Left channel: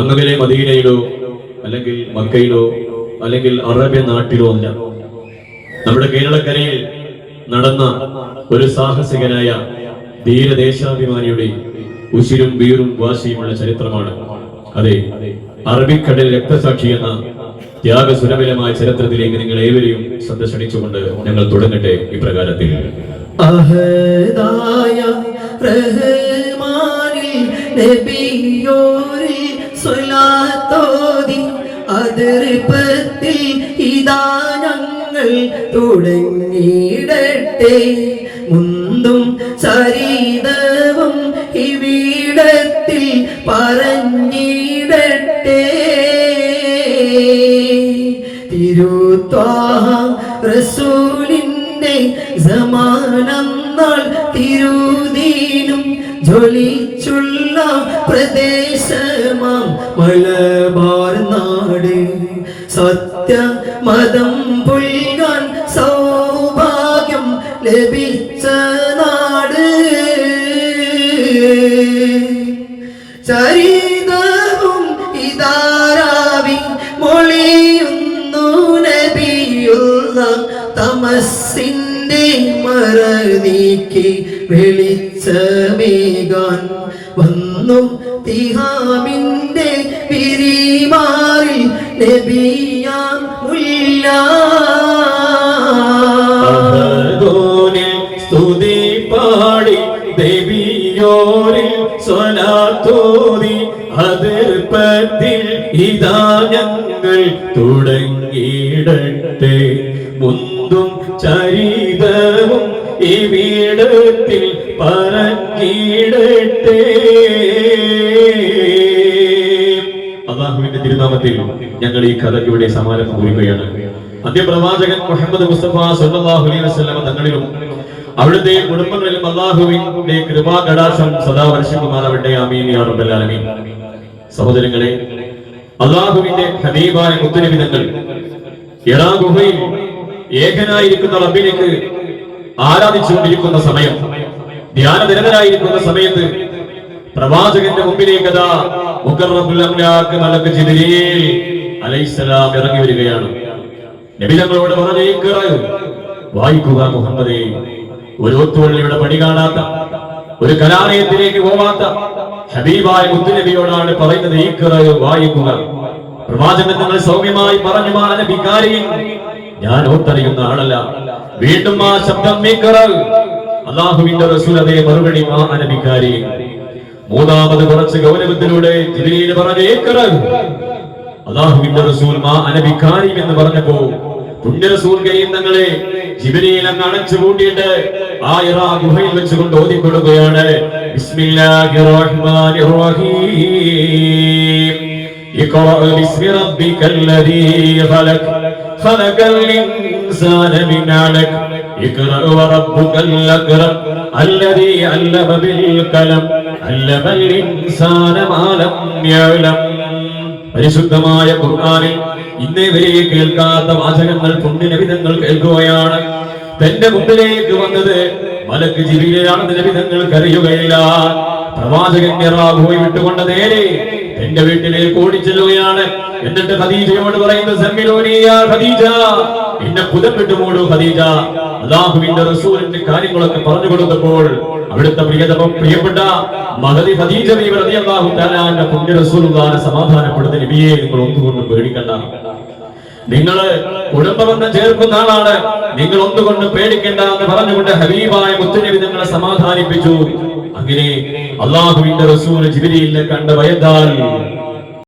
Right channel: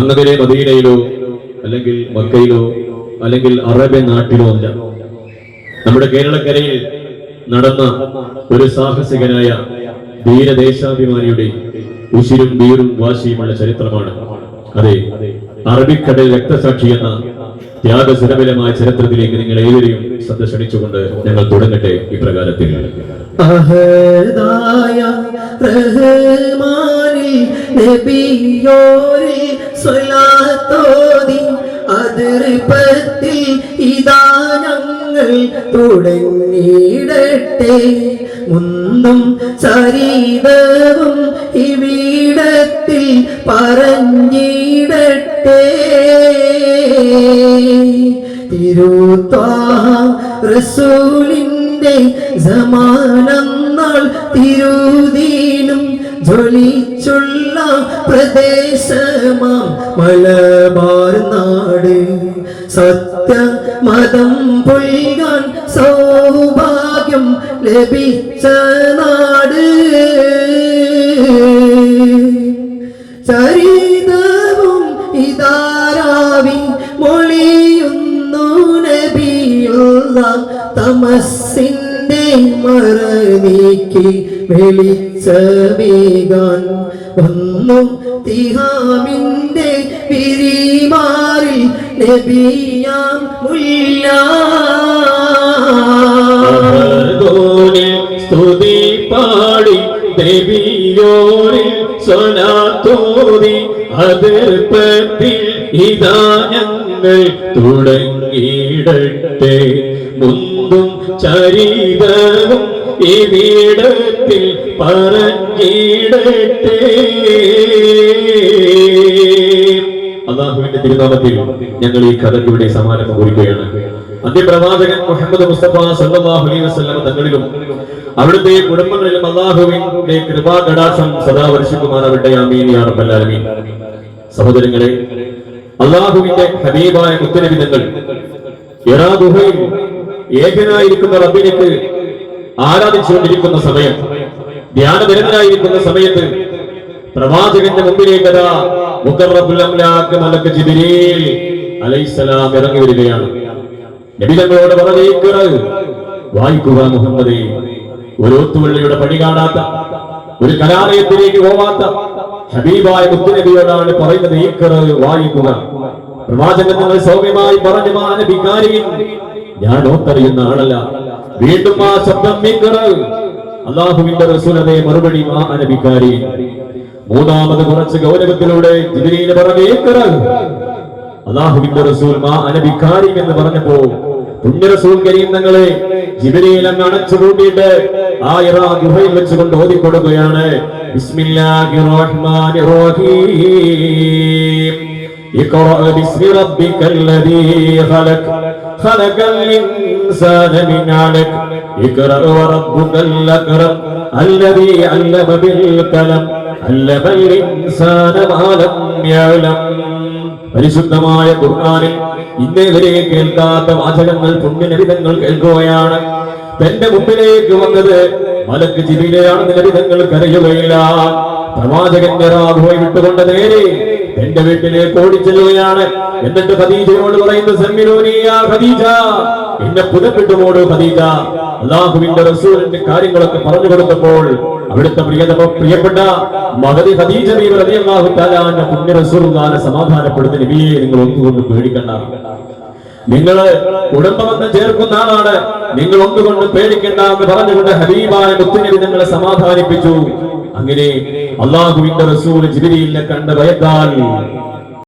അങ്ങനെ മദീനയിലോ അല്ലെങ്കിൽ മക്കയിലോ അല്ലെങ്കിൽ അറേബ്യൻ നാട്ടിലോ അല്ല, നമ്മുടെ കേരളക്കരയിൽ നടന്ന ഒരു സാഹസികനായ ധീരദേശാഭിമാനിയുടെ ഉശിരും വീറും വാശിയുമുള്ള ചരിത്രമാണ്. അതെ, അറബിക്കടൽ രക്തസാക്ഷി എന്ന ത്യാഗസുരബലമായ ചരിത്രത്തിലേക്ക് നിങ്ങൾ ഏവരെയും ശ്രദ്ധ ക്ഷണിച്ചുകൊണ്ട് ഞങ്ങൾ തുടങ്ങട്ടെ ഇപ്രകാരത്തിൽ. തുടങ്ങിയിടട്ടെ മുന്തും ചരിതവും ഇവിടത്തിൽ പറഞ്ഞിടട്ടെ. തിരുത്വാഹം റസൂലിന്റെ സമാനന്നാൾ തിരുദീനും ജ്വലിച്ചുള്ള പ്രദേശമാം മലബാർ നാട്. സത്യമതം പൊയ്യാൻ സൗഭാഗ്യം ലഭിച്ച നാട്. ചരിതവും ഇതാരാവി മൊഴിയുന്നു നബിയുള്ള തമസ്സിന്റെ മറനീക്കി വെളിച്ചമേകാൻ വന്നു തിഹാമിന്റെ പിരിമാറിൽ നബിയാം മുല്ല. സ്തുതി പാടി ദേവിയോരിൽ സ്വലാത്തോതി അതിർപ്പത്തിൽ ഇതാ ഞങ്ങൾ തുടങ്ങിയിടട്ടെ മുന്തും ചരിതവും ഇവിടത്തിൽ പറഞ്ഞിടട്ടെ. അല്ലാഹുവിന്റെ തിരുനാമത്തിൽ ഞങ്ങൾ ഈ കഥയ്ക്ക് ഇവിടെ സമാരംഭം കുറിക്കുകയാണ്. അന്ത്യപ്രവാചകൻ മുഹമ്മദ് മുസ്തഫ സല്ലല്ലാഹു അലൈഹി വസല്ലം തങ്ങളിലും അവിടുത്തെ കുടുംബങ്ങളിലും അല്ലാഹുവിന്റെ കൃപാകടാക്ഷം സദാ വർഷിക്കുമാറാവട്ടെ. ആമീൻ യാ റബ്ബൽ ആലമീൻ. സഹോദരങ്ങളെ, അല്ലാഹുവിന്റെ ഹബീബായ മുത്തുനബി തങ്ങൾ ഹിറാ ഗുഹയിൽ ഏകനായിരിക്കുന്ന റബ്ബിലേക്ക് ആരാധിച്ചുകൊണ്ടിരിക്കുന്ന സമയം, ധ്യാനനിരതനായിരിക്കുന്ന സമയത്ത് പ്രവാചകന്റെ മുമ്പിലേക്ക് മുഖറബുൽ അംലാക്ക് മലക്ക് ജിബ്രീൽ അലൈഹിസ്സലാം ഇറങ്ങി വരികയാണ്. നബി തങ്ങളോട് പറഞ്ഞേക്കറ വായിക്കുക മുഹമ്മദേ, ഒരു ഒത്തുവള്ളിയുടെ പണി കാണാത്ത, ഒരു കലാലയത്തിലേക്ക് പോവാത്ത ഹബീബായ മുത്തുനബിയോടാണ് പറയുന്നത്, ഏക്കറ വായിക്കുക. പ്രവാചകൻ തങ്ങൾ സൗമ്യമായി പറഞ്ഞു, മാ നബികാരിൻ, ഞാൻ ഓത്തറിയുന്ന ആളല്ല. വീണ്ടും ആ ശബ്ദം ഏക്കറ. അല്ലാഹുവിന്റെ റസൂൽ അതേ മറുപടി, മാ നബികാരിൻ. മൂന്നാമത് കുറച്ച് ഗൗരവത്തിലൂടെ ജിബ്രീൽ പറഞ്ഞു, ഏക്കറ. അല്ലാഹുവിന്റെ റസൂൽ മാ നബികാരിൻ എന്ന് പറഞ്ഞപ്പോ പുണ്യ റസൂൽ കരീം തങ്ങളെ ജിബ്രീൽ അങ്ങ് അടച്ചു പൂട്ടിയിട്ട് ആ ഹിറാ ഗുഹയിൽ വെച്ചുകൊണ്ട് ഓതിക്കൊടുക്കുകയാണ്, ബിസ്മില്ലാഹിർ റഹ്മാനിർ റഹീം. ഇഖ്റഅ ബിസ്മി റബ്ബിക്കല്ലദീ ഖലഖ് ഖലഖൽ ഇൻസാന മിൻ അലഖ് ഇഖ്റഅ വറബ്ബുകൽ അക്രം അല്ലദീ അല്ലമ ബിൽ ഖലം അല്ലമൽ ഇൻസാന മാ ലം യഅലം. പരിശുദ്ധമായ ഖുർആനിൽ ഇന്നേ വരെ കേൾക്കാത്ത വാചകങ്ങൾ പുണ്യനബിതങ്ങൾ കേൾക്കുകയാണ്. തന്റെ മുമ്പിലേക്ക് വന്നത് മലക്ക് ജിബ്രീലാണെന്ന് നബിതങ്ങൾ കരയുകയില്ല. പ്രവാചകന്റെ റാഹുവെ വിട്ടുകൊണ്ട് നേരെ എന്റെ വീട്ടിലേക്ക് ഓടിച്ചെല്ലുകയാണ്. എന്നിട്ട് ഖദീജയോട് പറയുന്നു, സമ്മിലൂനിയ ഖദീജ, എന്നെ പുതപ്പിട്ടുമോടു ഖദീജ. അല്ലാഹുവിന്റെ റസൂലിന്റെ കാര്യങ്ങളൊക്കെ പറഞ്ഞു കൊടുത്തപ്പോൾ അവിടുത്തെ പ്രിയപ്പെട്ട മഹദി ഖദീജ ബീവി റളിയല്ലാഹു തആല അൻഹ പുണ്യ റസൂലുള്ളാഹിനെ സമാധാനപ്പെടുത്തി, നബിയെ നിങ്ങൾ ഒന്നുകൊണ്ട് പേടിക്കണ്ട, നിങ്ങൾ കുടുംബബന്ധം ചേർക്കുന്ന ആളാണ്, നിങ്ങൾ ഒന്നുകൊണ്ട് പേടിക്കണ്ട എന്ന് പറഞ്ഞുകൊണ്ട് ഹബീബായ മുത്തുനബി നിങ്ങളെ സമാധാനിപ്പിച്ചു. അങ്ങനെ അല്ലാഹുവിന്റെ റസൂൽ ജിബ്രീലിനെ കണ്ട് ഭയത്താൽ